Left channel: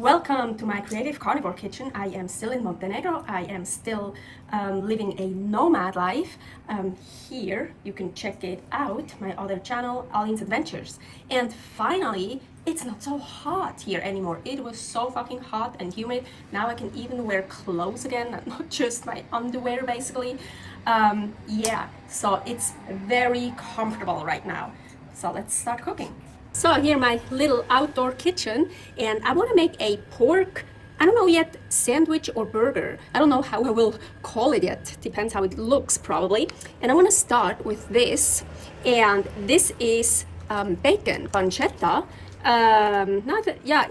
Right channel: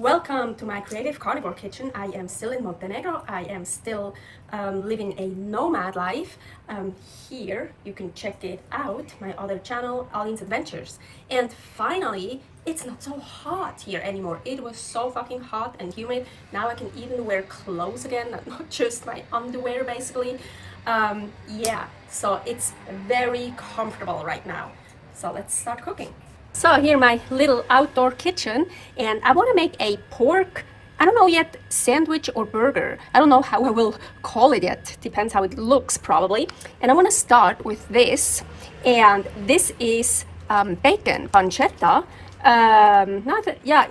Welcome to my creative carnivore kitchen. I am still in Montenegro. I am still living a nomad life. Here you can check it out, my other channel, Aline's Adventures. And finally, it's not so hot here anymore. It was so fucking hot and humid. Now I can even wear clothes again, not just my underwear basically. Yeah, so it's very comfortable right now. So let's start cooking. So here my little outdoor kitchen, and I want to make a pork, I don't know yet, sandwich or burger. I don't know how I will call it yet. Depends how it looks probably. And I want to start with this, and this is bacon pancetta.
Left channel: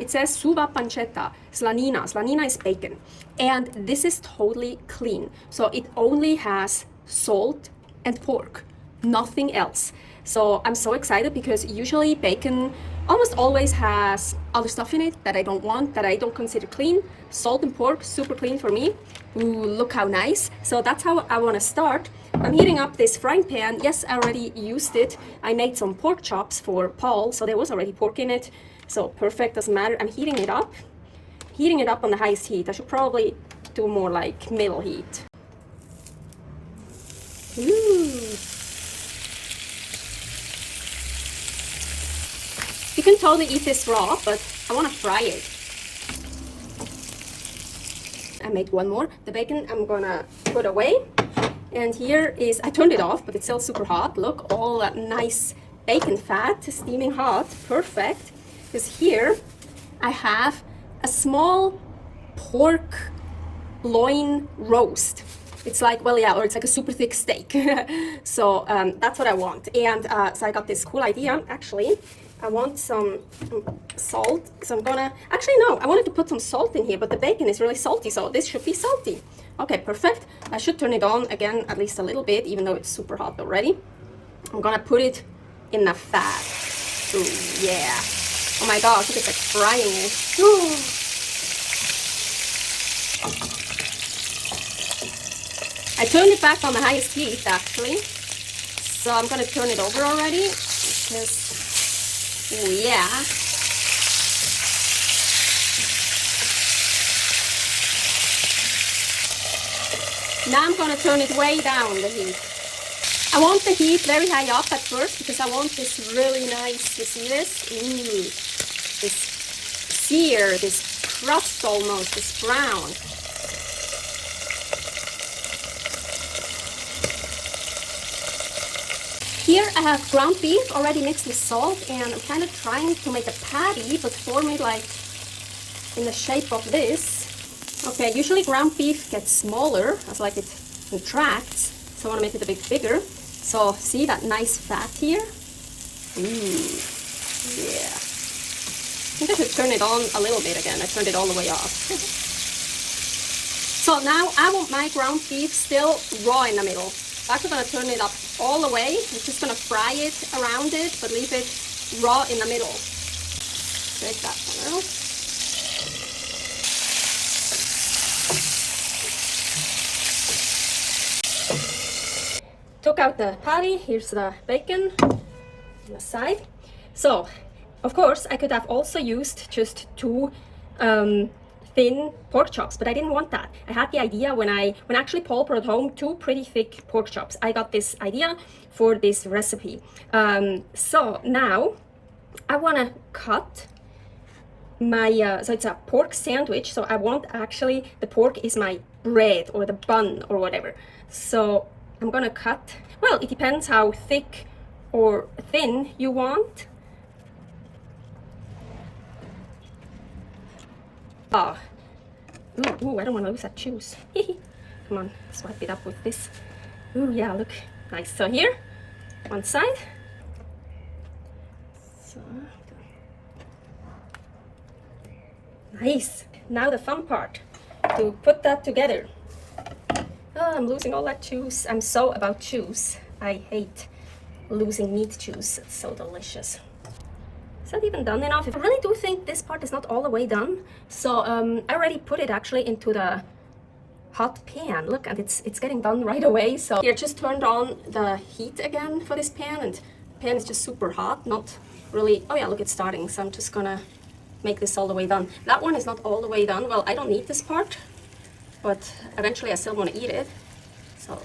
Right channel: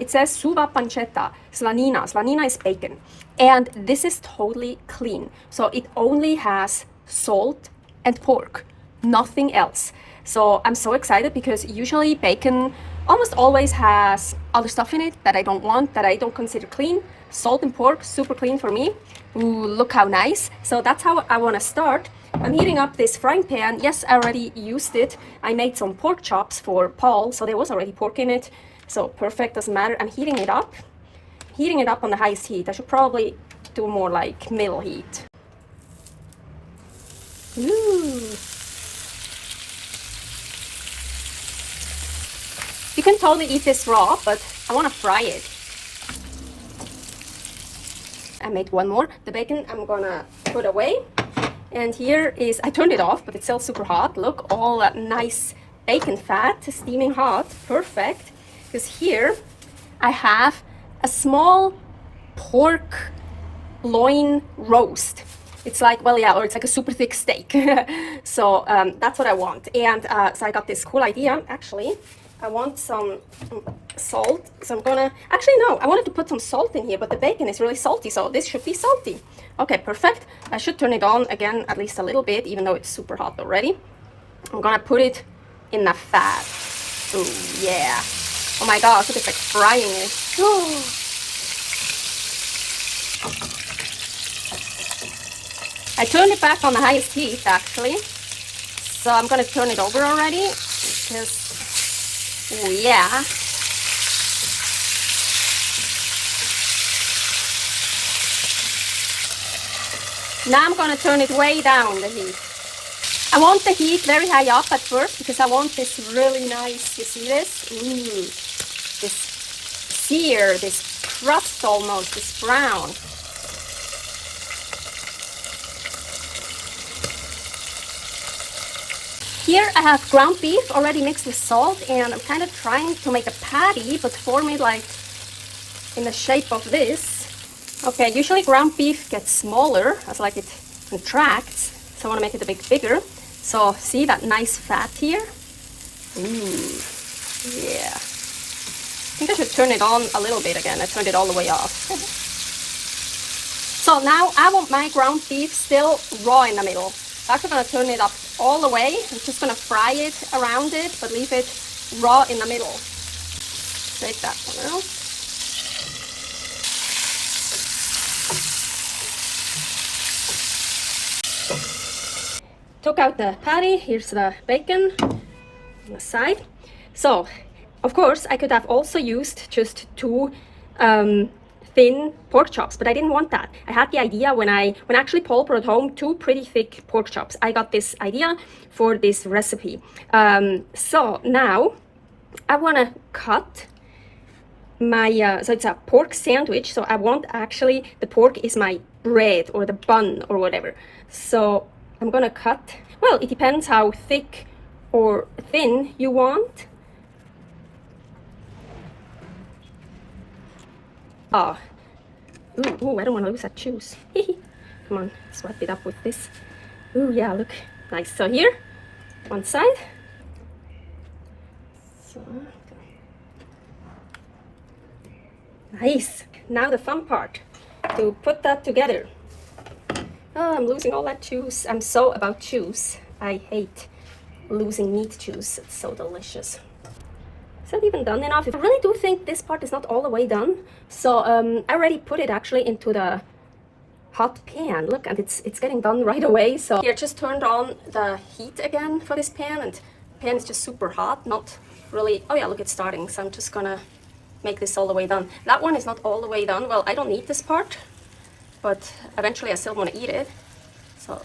It says suva pancetta, slanina. Slanina is bacon. And this is totally clean. So it only has salt and pork, nothing else. So I'm so excited because usually bacon almost always has other stuff in it that I don't want, that I don't consider clean. Salt and pork, super clean for me. Ooh, look how nice. So that's how I want to start. I'm heating up this frying pan. Yes, I already used it. I made some pork chops for Paul, so there was already pork in it. So perfect, doesn't matter. I'm heating it up. Heating it up on the highest heat. I should probably do more like middle heat. Ooh. You can totally eat this raw, but I want to fry it. I made one more. The bacon I'm gonna put away. And here is, I turned it off, but it's still super hot. Look, all that nice bacon fat, steaming hot, perfect. Because here I have a small pork loin roast. It's like, well, yeah, or it's like a super thick steak. So that's what I want. And so I got this cool idea, actually. I want some salt, so I'm gonna, actually no, I wanted to put some salt in here, but the bacon is really salty, so this should be salty. Okay, perfect. I should turn it on again at least a little bit, even though it's super hot already. I'm gonna put it in the fat. Ooh, yeah. Oh my gosh, look, it's like frying it. Ooh. I turned it back on the highest heat, actually. So I'm gonna turn it over already, because oh yeah. Now I'm going to turn it way down, the heat. I want the heat very high up at first because I want this really nice, you see this? Ooh, this sear, this crust almost, this brown. Here I have ground beef already mixed with salt, and I'm kind of trying to make a patty, but form it like in the shape of this. Okay, usually ground beef gets smaller as like it contracts, so I want to make it a bit bigger. So see that nice fat here? Ooh, yeah. I think I should turn it on a little bit again. I turned it all the way off. So now I want my ground beef still raw in the middle. I'm actually going to turn it up all the way. I'm just going to fry it around it, but leave it raw in the middle. Take that one out. Took out the patty. Here's the bacon on the side. So, of course, I could have also used just two thin pork chops, but I didn't want that. I had the idea when actually Paul brought home two pretty thick pork chops. I got this idea for this recipe. So now I want to cut my, so it's a pork sandwich. So I want actually, the pork is my bread or the bun or whatever. So I'm going to cut, well, it depends how thick or thin you want. Oh, ooh, I don't want to lose that juice. Come on, swipe it up with this. Ooh, yeah, look, nice. So here, one side. So, nice. Now the fun part, to put that together. Oh, I'm losing all that juice. I'm so about juice. I hate losing meat juice. It's so delicious. Is that even done enough? I really do think this part is not all the way done. So I already put it actually into the hot pan. Look, and it's getting done right away. So yeah, just turned on the heat again for this pan, and the pan is just super hot. Not really. Oh yeah, look, it's starting. So I'm just gonna make this all the way done. That one is not all the way done. Well, I don't need this part, but eventually I still want to eat it. So,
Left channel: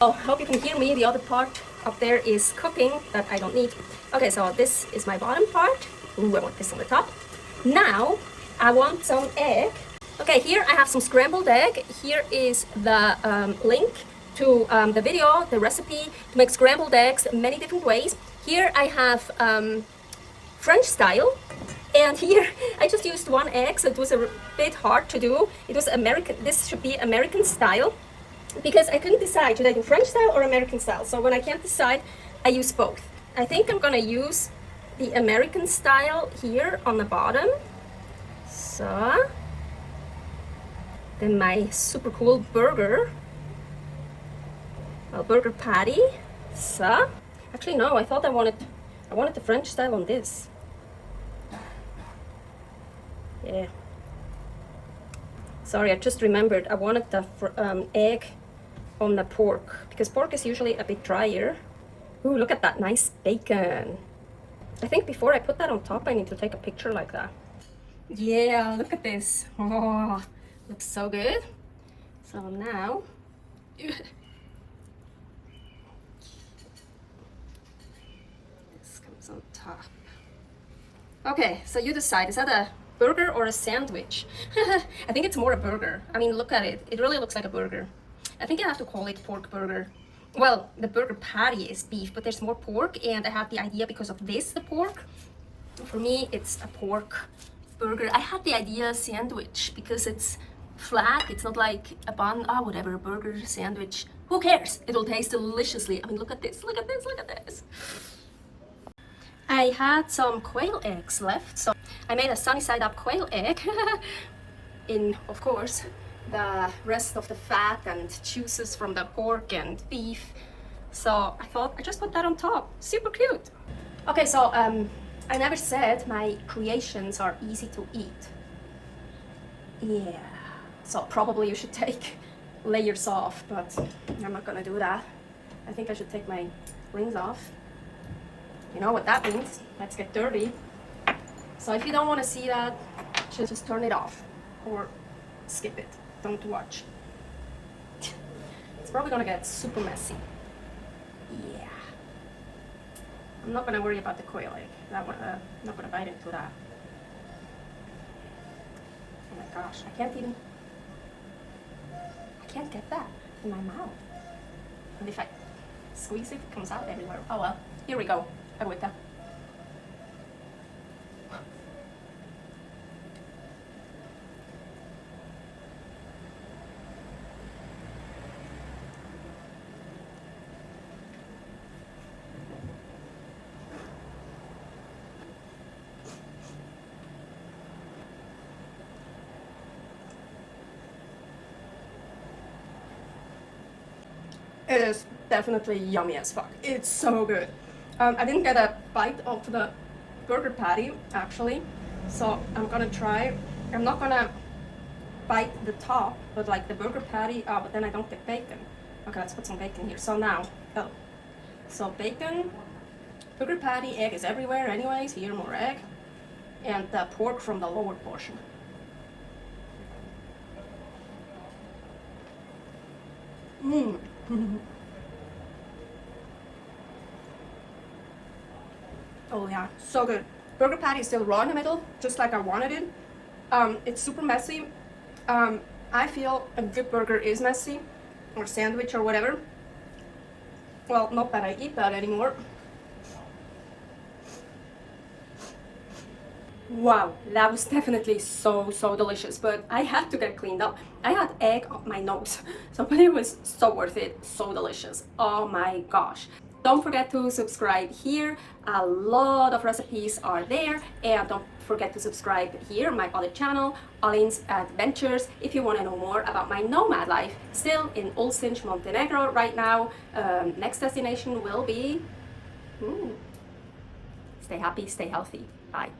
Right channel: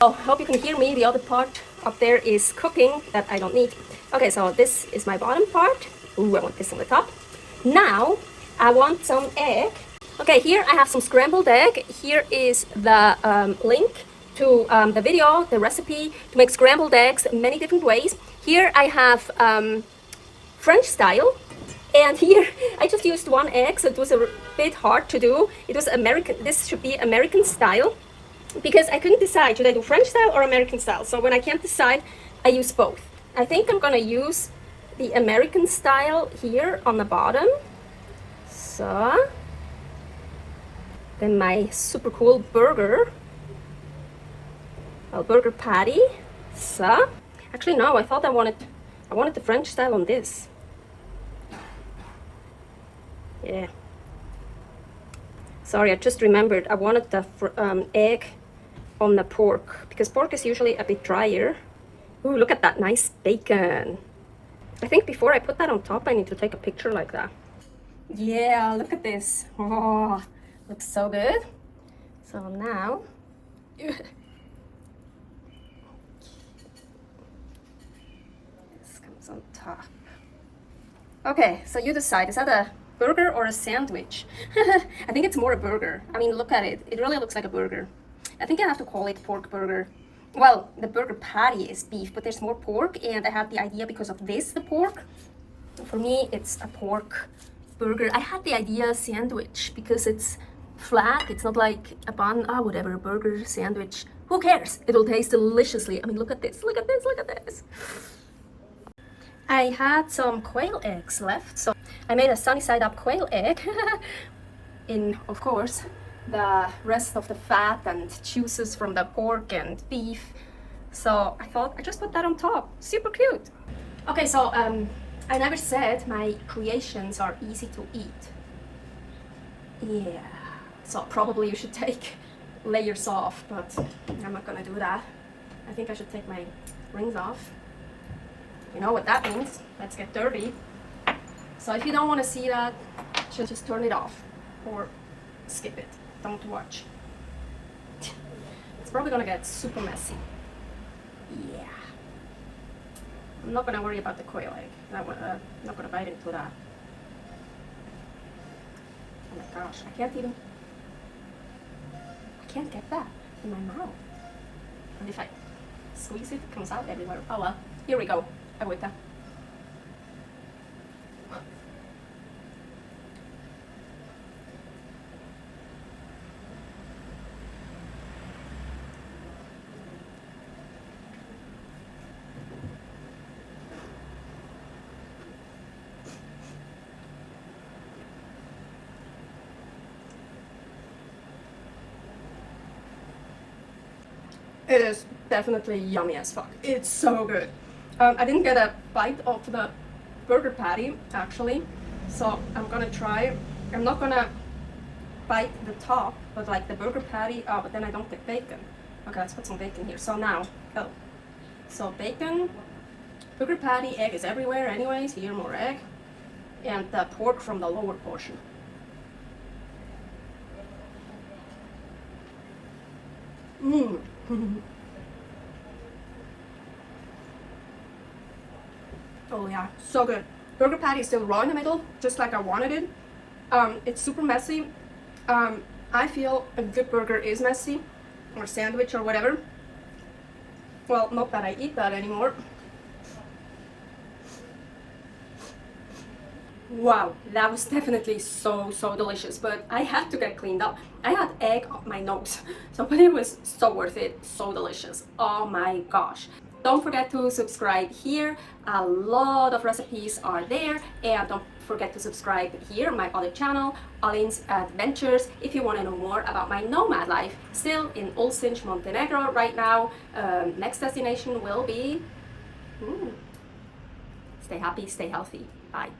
oh, I hope you can hear me. The other part up there is cooking that I don't need. Okay, so this is my bottom part. Ooh, I want this on the top. Now, I want some egg. Okay, here I have some scrambled egg. Here is the link to the video, the recipe to make scrambled eggs many different ways. Here I have French style, and here I just used one egg, so it was a bit hard to do. It was American. This should be American style, because I couldn't decide, should I do French style or American style? So when I can't decide, I use both. I think I'm gonna use the American style here on the bottom. So then my super cool burger, a burger patty. So actually no, I thought I wanted the French style on this. Yeah. Sorry, I just remembered I wanted the egg on the pork, because pork is usually a bit drier. Ooh, look at that nice bacon. I think before I put that on top, I need to take a picture like that. Yeah, look at this. Oh, looks so good. So now, this comes on top. Okay, so you decide, is that a burger or a sandwich? I think it's more a burger. I mean, look at it. It really looks like a burger. I think I have to call it pork burger. Well, the burger patty is beef, but there's more pork, and I had the idea because of this, the pork. For me, it's a pork burger. I had the idea sandwich because it's flat. It's not like a bun, whatever, a burger sandwich. Who cares? It'll taste deliciously. I mean, look at this, look at this, look at this. I had some quail eggs left, so I made a sunny side up quail egg in, of course, the rest of the fat and juices from the pork and beef. So I thought I just put that on top. Super cute. Okay, so I never said my creations are easy to eat. Yeah, so probably you should take layers off, but I'm not gonna do that. I think I should take my rings off. You know what that means. Let's get dirty. So if you don't want to see that, just turn it off or skip it. Don't watch. It's probably gonna get super messy. Yeah. I'm not gonna worry about the quail egg. That one, I'm not gonna bite into that. Oh my gosh, I can't get that in my mouth. And if I squeeze it, it comes out everywhere. Oh well, here we go. Agüita. It is definitely yummy as fuck. It's so good. I didn't get a bite of the burger patty actually, so I'm gonna try. I'm not gonna bite the top, but like the burger patty, but then I don't get bacon. Okay, let's put some bacon here. So now, so bacon, burger patty, egg is everywhere anyways, here more egg, and the pork from the lower portion. Mmm. Oh yeah, so good. Burger patty is still raw in the middle, just like I wanted it. It's super messy. I feel a good burger is messy, or sandwich or whatever. Well, not that I eat that anymore. Wow, that was definitely so delicious, but I had to get cleaned up. I had egg up my nose, so but it was so worth it, so delicious. Oh my gosh. Don't forget to subscribe here. A lot of recipes are there, and don't forget to subscribe here, my other channel, Loin's Adventures, if you want to know more about my nomad life, still in Olsztyn, Montenegro right now. Next destination will be... Stay happy, stay healthy. Bye.